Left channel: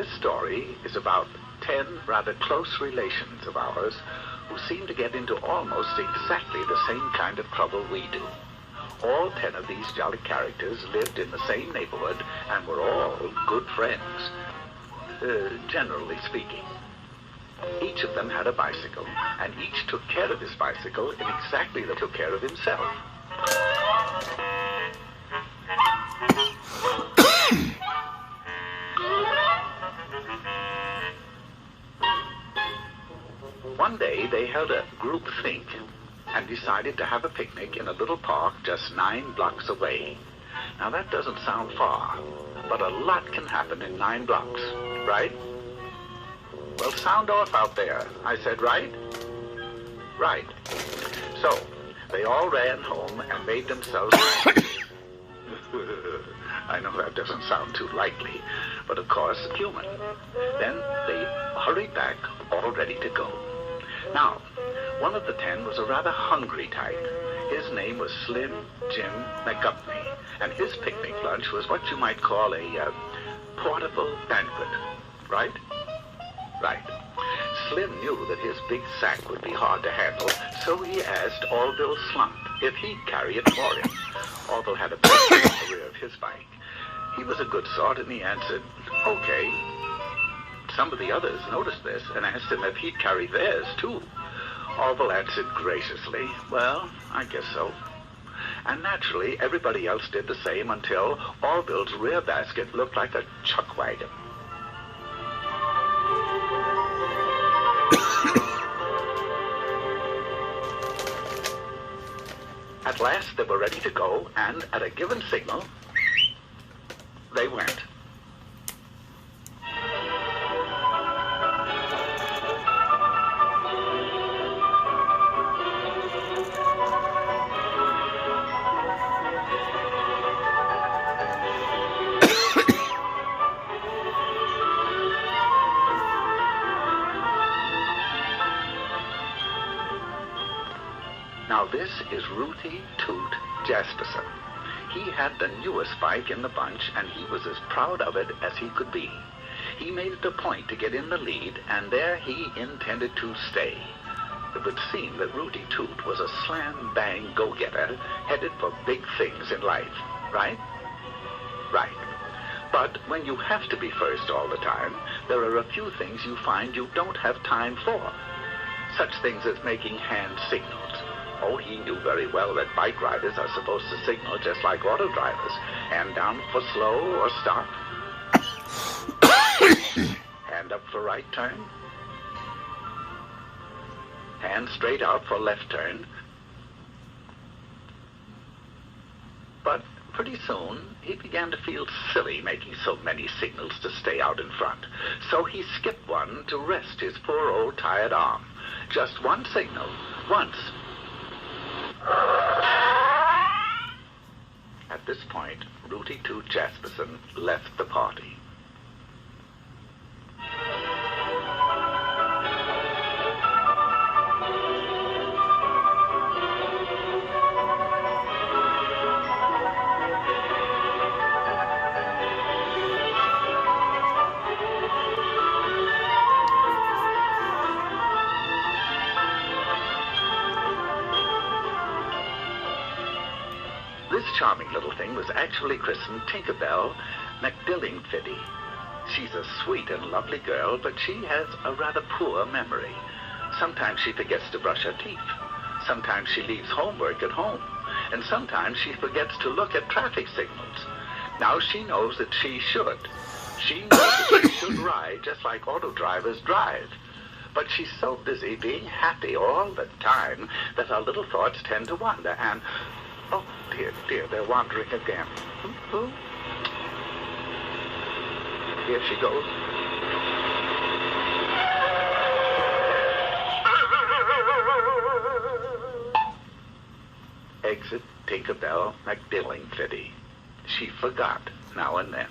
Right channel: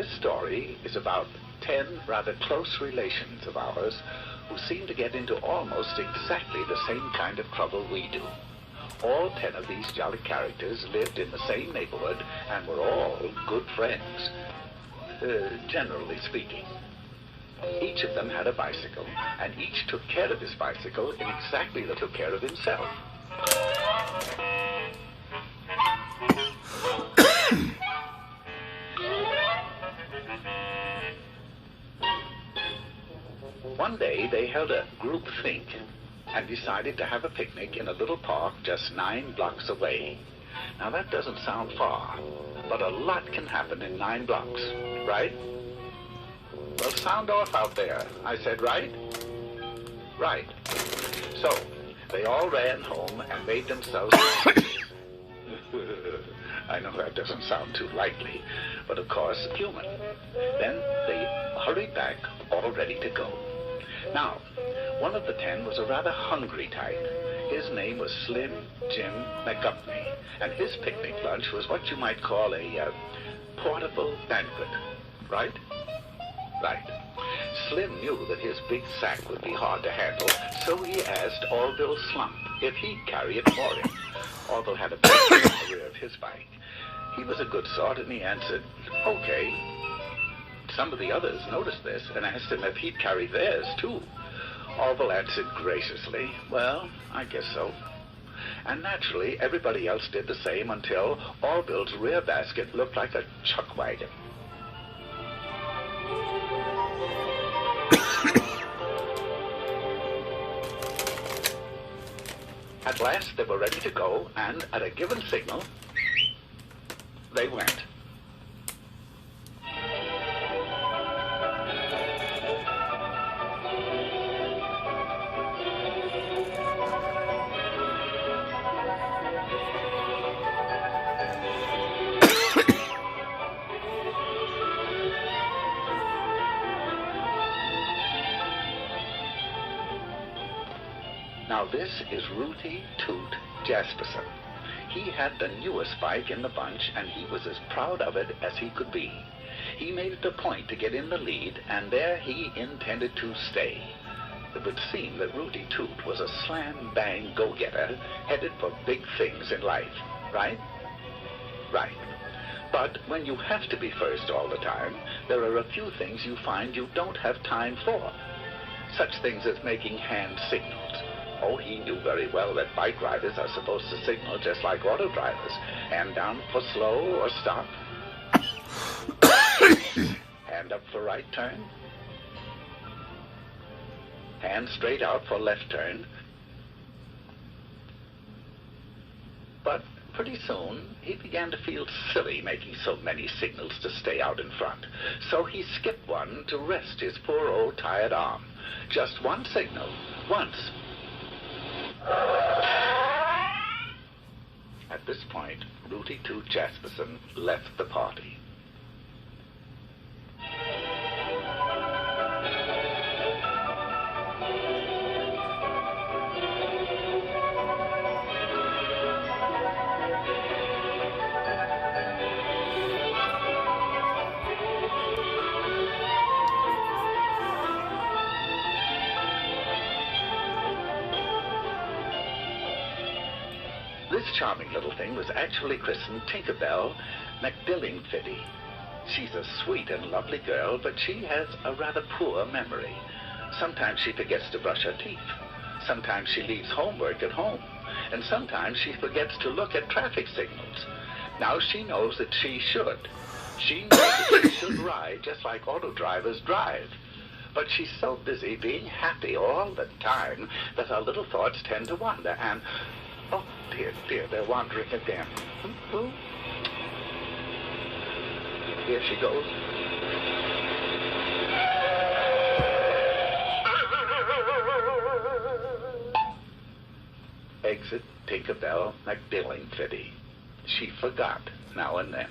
This story is about 10 rather close relations of ours who seem to get into almost exactly the same kind of trouble we do. All 10 of these jolly characters lived in the same neighborhood and were all good friends, generally speaking. Each of them had a bicycle, and each took care of his bicycle in exactly the took care of himself. One day they held a group think and decided to have a picnic in a little park just 9 blocks away. Now that doesn't sound far, but a lot can happen in 9 blocks, right? Well, sound off out there. I said right? Right. So, they all ran home and made themselves... I know that doesn't sound too likely, but of course, human. Then they hurried back, all ready to go. Now, one of the 10 was a rather hungry type. His name was Slim Jim McGupney, and his picnic lunch was what you might call a portable banquet, right? Right. Slim knew that his big sack would be hard to handle, so he asked Orville Slump if he'd carry it for him. Orville had a bag in the rear of his bike. He was a good sort, and he answered, okay. Some of the others noticed this and asked him if he'd carry theirs, too. Orville answered graciously, well, I guess so. And naturally, everybody else did the same until Orville's rear basket looked like a chuck wagon. At last, they were ready to go, and at a given signal, they went. Now this is Rooty Toot Jasperson. He had the newest bike in the bunch, and he was as proud of it as he could be. He made it a point to get in the lead, and there he intended to stay. It would seem that Rooty Toot was a slam-bang go-getter headed for big things in life, right? Right. But when you have to be first all the time, there are a few things you find you don't have time for. Such things as making hand signals. Oh, he knew very well that bike riders are supposed to signal just like auto drivers. Hand down for slow or stop. Hand up for right turn. Hand straight out for left turn. But pretty soon, he began to feel silly making so many signals to stay out in front. So he skipped one to rest his poor old tired arm. Just one signal, once. At this point, Rooty Toot Jasperson left the party. This charming little thing was actually christened Tinkerbell McDillingfitty. She's a sweet and lovely girl, but she has a rather poor memory. Sometimes she forgets to brush her teeth. Sometimes she leaves homework at home. And sometimes she forgets to look at traffic signals. Now she knows that she should. She knows that she should ride just like auto drivers drive. But she's so busy being happy all the time that her little thoughts tend to wander and... Oh, dear, dear, they're wandering again. Who? Here she goes. Exit Tinkerbell McDillingfitty. She forgot now and then.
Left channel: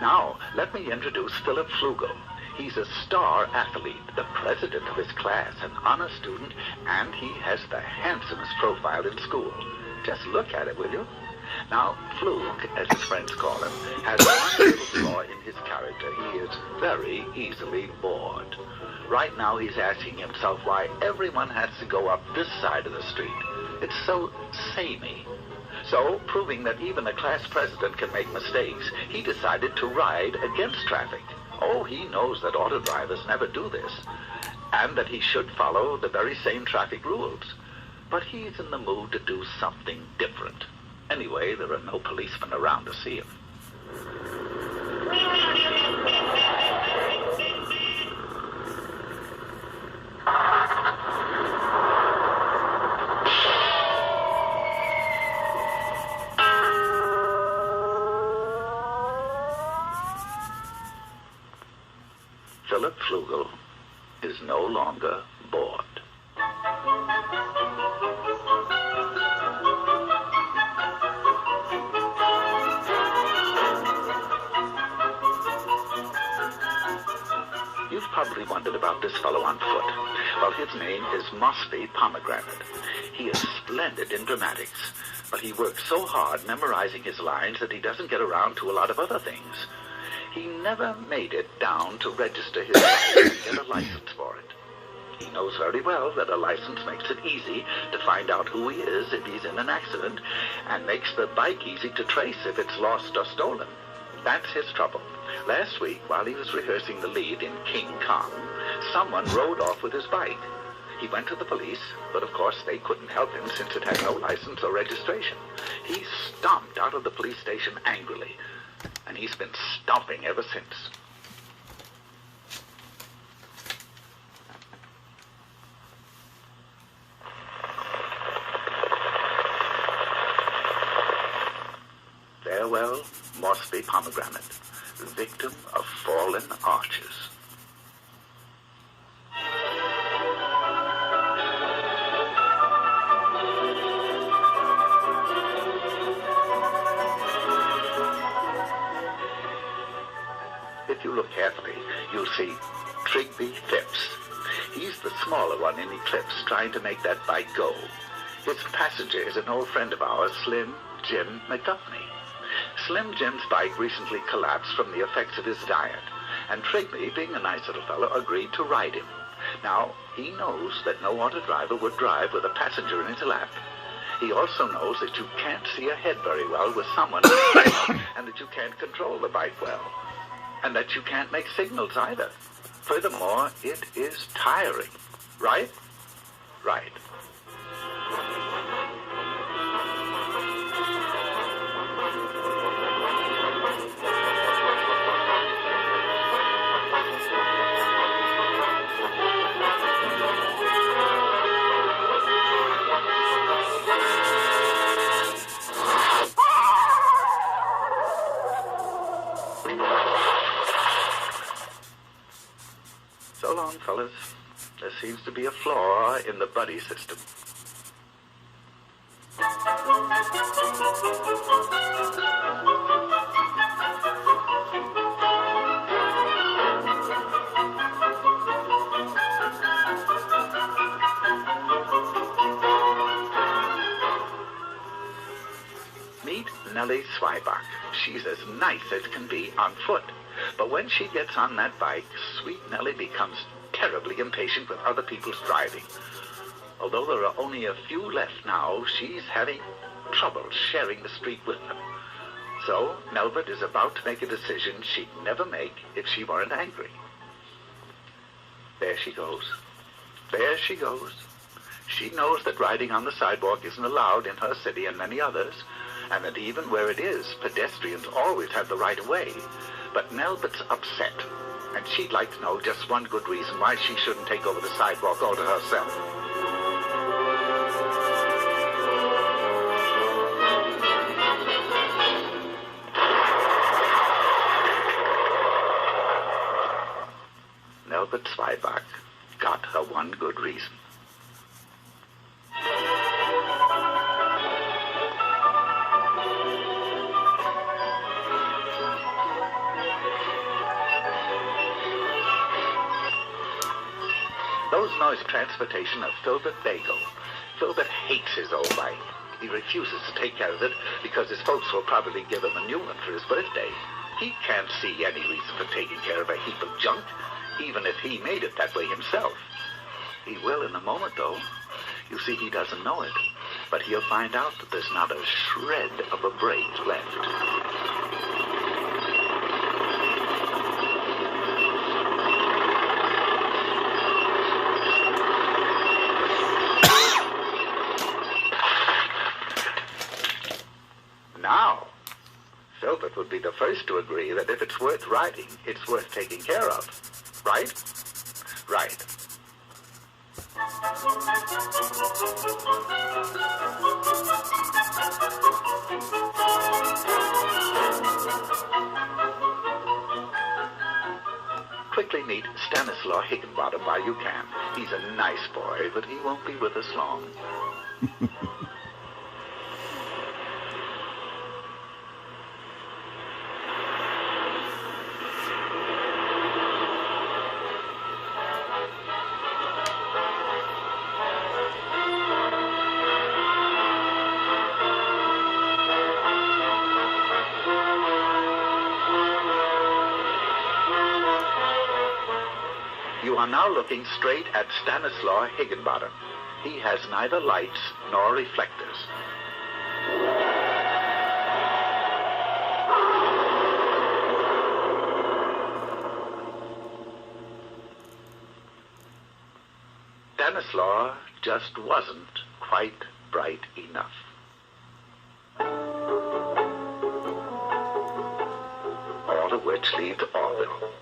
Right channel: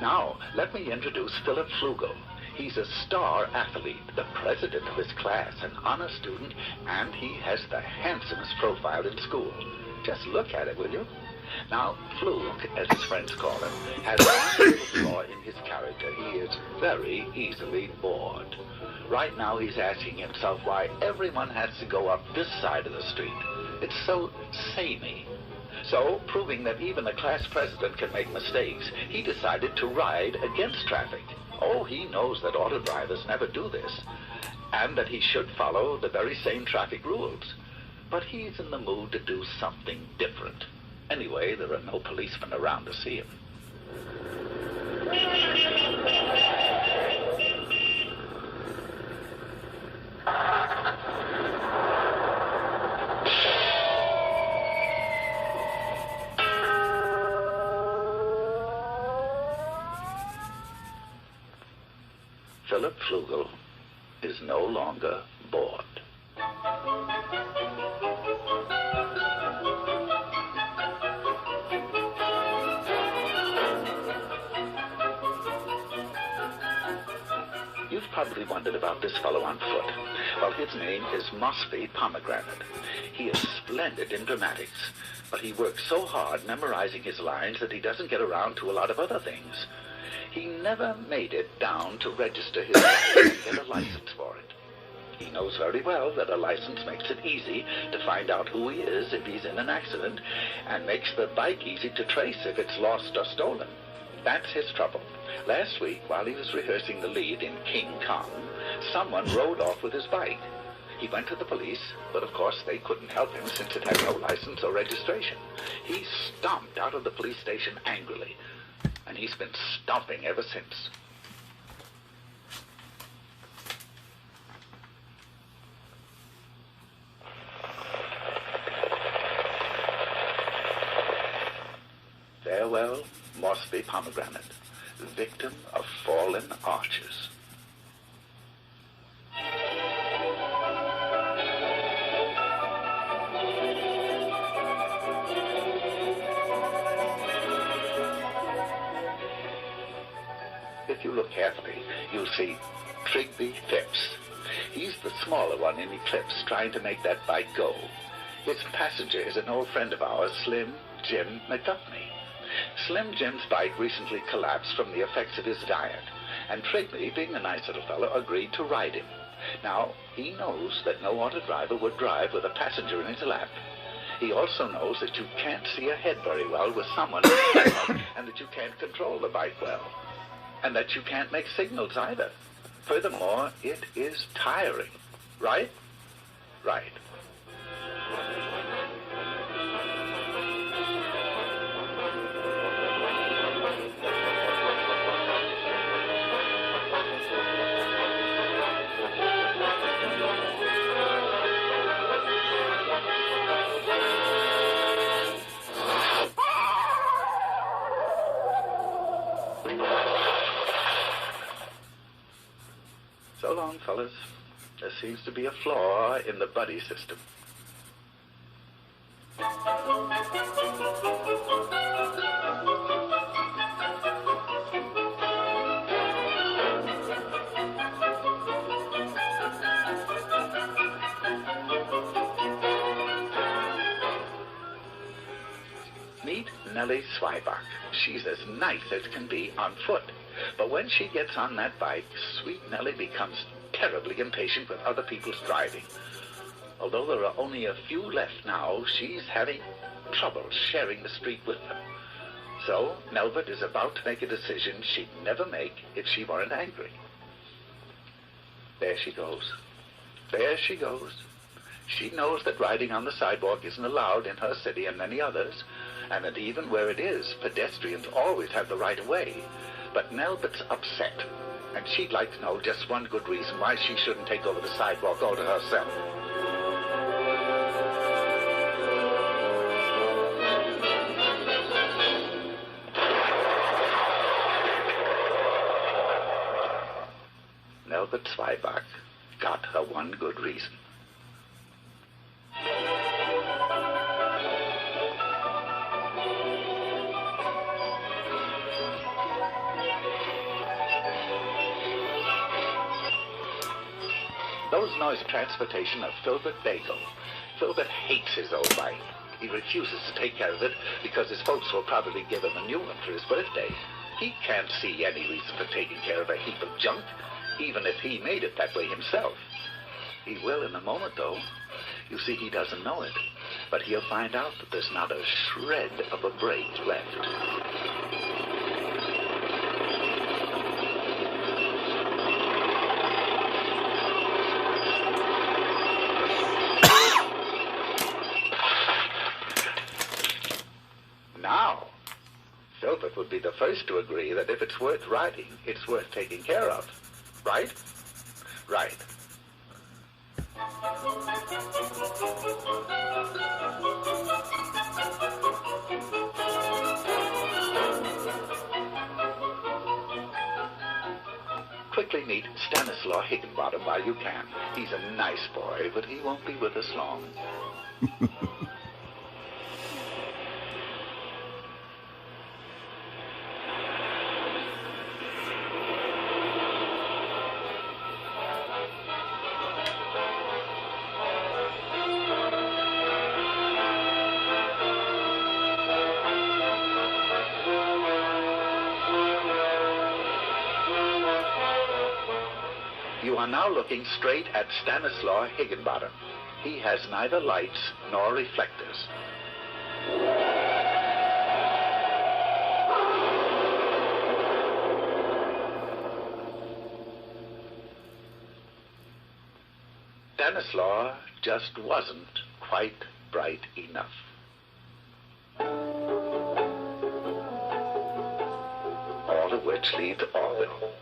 Now, let me introduce Philip Flugel. He's a star athlete, the president of his class, an honor student, and he has the handsomest profile in school. Just look at it, will you? Now, Fluke, as his friends call him, has one little flaw in his character. He is very easily bored. Right now, he's asking himself why everyone has to go up this side of the street. It's so samey. So, proving that even the class president can make mistakes, he decided to ride against traffic. Oh, he knows that auto drivers never do this, and that he should follow the very same traffic rules. But he's in the mood to do something different. Anyway, there are no policemen around to see him. Philip Flugel is no longer bored. You've probably wondered about this fellow on foot. Well, his name is Mosby Pomegranate. He is splendid in dramatics, but he works so hard memorizing his lines that he doesn't get around to a lot of other things. He never made it down to register his bike and get a license for it. He knows very well that a license makes it easy to find out who he is if he's in an accident, and makes the bike easy to trace if it's lost or stolen. That's his trouble. Last week, while he was rehearsing the lead in King Kong, someone rode off with his bike. He went to the police, but of course they couldn't help him since it had no license or registration. He stomped out of the police station angrily, and he's been stomping ever since. Farewell, Mosby Pomegranate, victim of fallen arches. If you look carefully, you'll see Trigby Phipps. He's the smaller one in Eclipse, trying to make that bike go. His passenger is an old friend of ours, Slim Jim McDuffney. Slim Jim's bike recently collapsed from the effects of his diet, and Trigby, being a nice little fellow, agreed to ride him. Now, he knows that no auto driver would drive with a passenger in his lap. He also knows that you can't see ahead very well with someone in front, and that you can't control the bike well, and that you can't make signals either. Furthermore, it is tiring. Right? Right. So long, fellas. There seems to be a flaw in the buddy system. Meet Nellie Zweiback. She's as nice as can be on foot. But when she gets on that bike, sweet Nellie becomes terribly impatient with other people's driving. Although there are only a few left now, she's having trouble sharing the street with them. So Melvert is about to make a decision she'd never make if she weren't angry. There she goes. There she goes. She knows that riding on the sidewalk isn't allowed in her city and many others, and that even where it is, pedestrians always have the right of way. But Melbert's upset, and she'd like to know just one good reason why she shouldn't take over the sidewalk all to herself. Melbert Zweiback got her one good reason. Those noise transportation of Filbert Bagel. Filbert hates his old bike. He refuses to take care of it because his folks will probably give him a new one for his birthday. He can't see any reason for taking care of a heap of junk, even if he made it that way himself. He will in a moment, though. You see, he doesn't know it, but he'll find out that there's not a shred of a brake left. Now, Filbert would be the first to agree that if it's worth riding, it's worth taking care of. Right? Right. Quickly meet Stanislaw Higginbottom while you can. He's a nice boy, but he won't be with us long. You are now looking straight at Stanislaw Higginbottom. He has neither lights nor reflectors. Stanislaw just wasn't quite bright enough. All of which leads to Orville.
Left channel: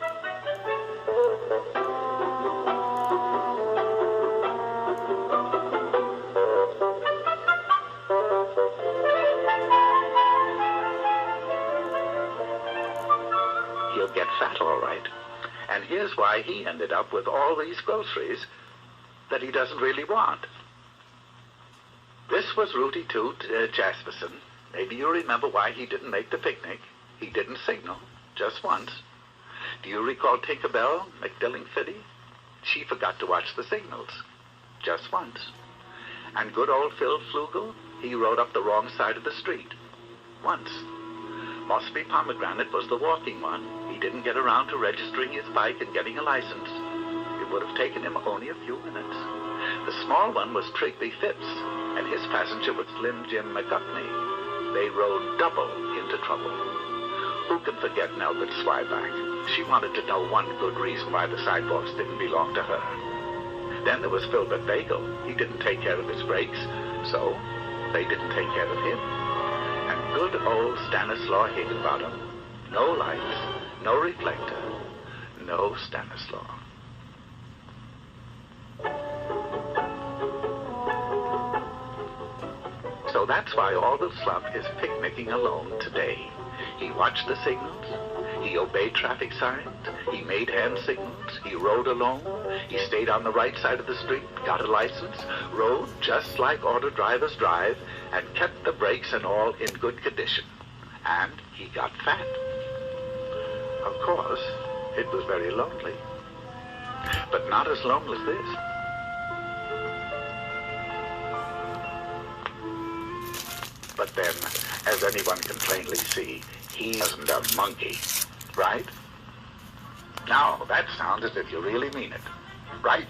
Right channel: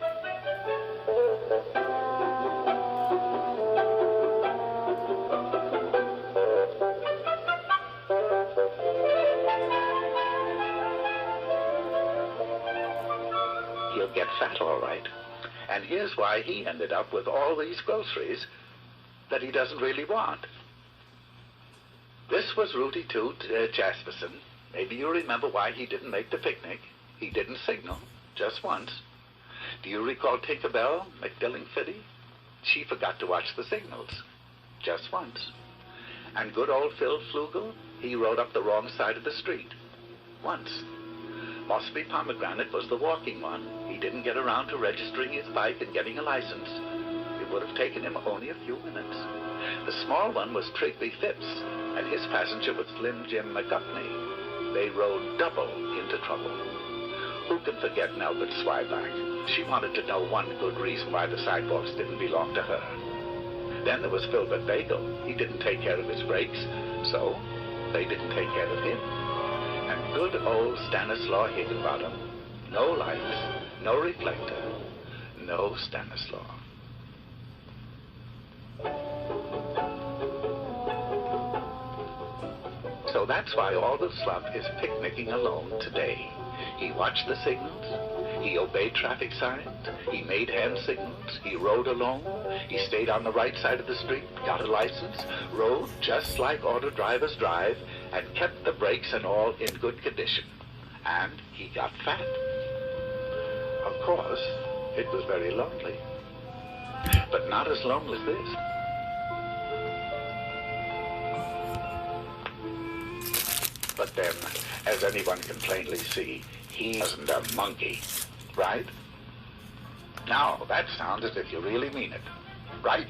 He'll get fat, all right. And here's why he ended up with all these groceries that he doesn't really want. This was Rooty Toot Jasperson. Maybe you remember why he didn't make the picnic. He didn't signal, just once. Do you recall Tinkerbell McDillingfitty? She forgot to watch the signals, just once. And good old Phil Flugel, he rode up the wrong side of the street, once. Mossby Pomegranate was the walking one. He didn't get around to registering his bike and getting a license. It would have taken him only a few minutes. The small one was Trigby Phipps, and his passenger was Slim Jim McGuffney. They rode double into trouble. Who can forget Nelbert Swyback? She wanted to know one good reason why the sidewalks didn't belong to her. Then there was Filbert Bagel. He didn't take care of his brakes, so they didn't take care of him. And good old Stanislaw Higginbottom. No lights, no reflector, no Stanislaw. So that's why Orville Slump is picnicking alone today. He watched the signals, he obeyed traffic signs, he made hand signals, he rode alone, he stayed on the right side of the street, got a license, rode just like auto drivers drive, and kept the brakes and all in good condition. And he got fat. Of course, it was very lonely, but not as lonely as this. But then, as anyone can plainly see, he isn't a monkey, right? Now, that sounds as if you really mean it, right?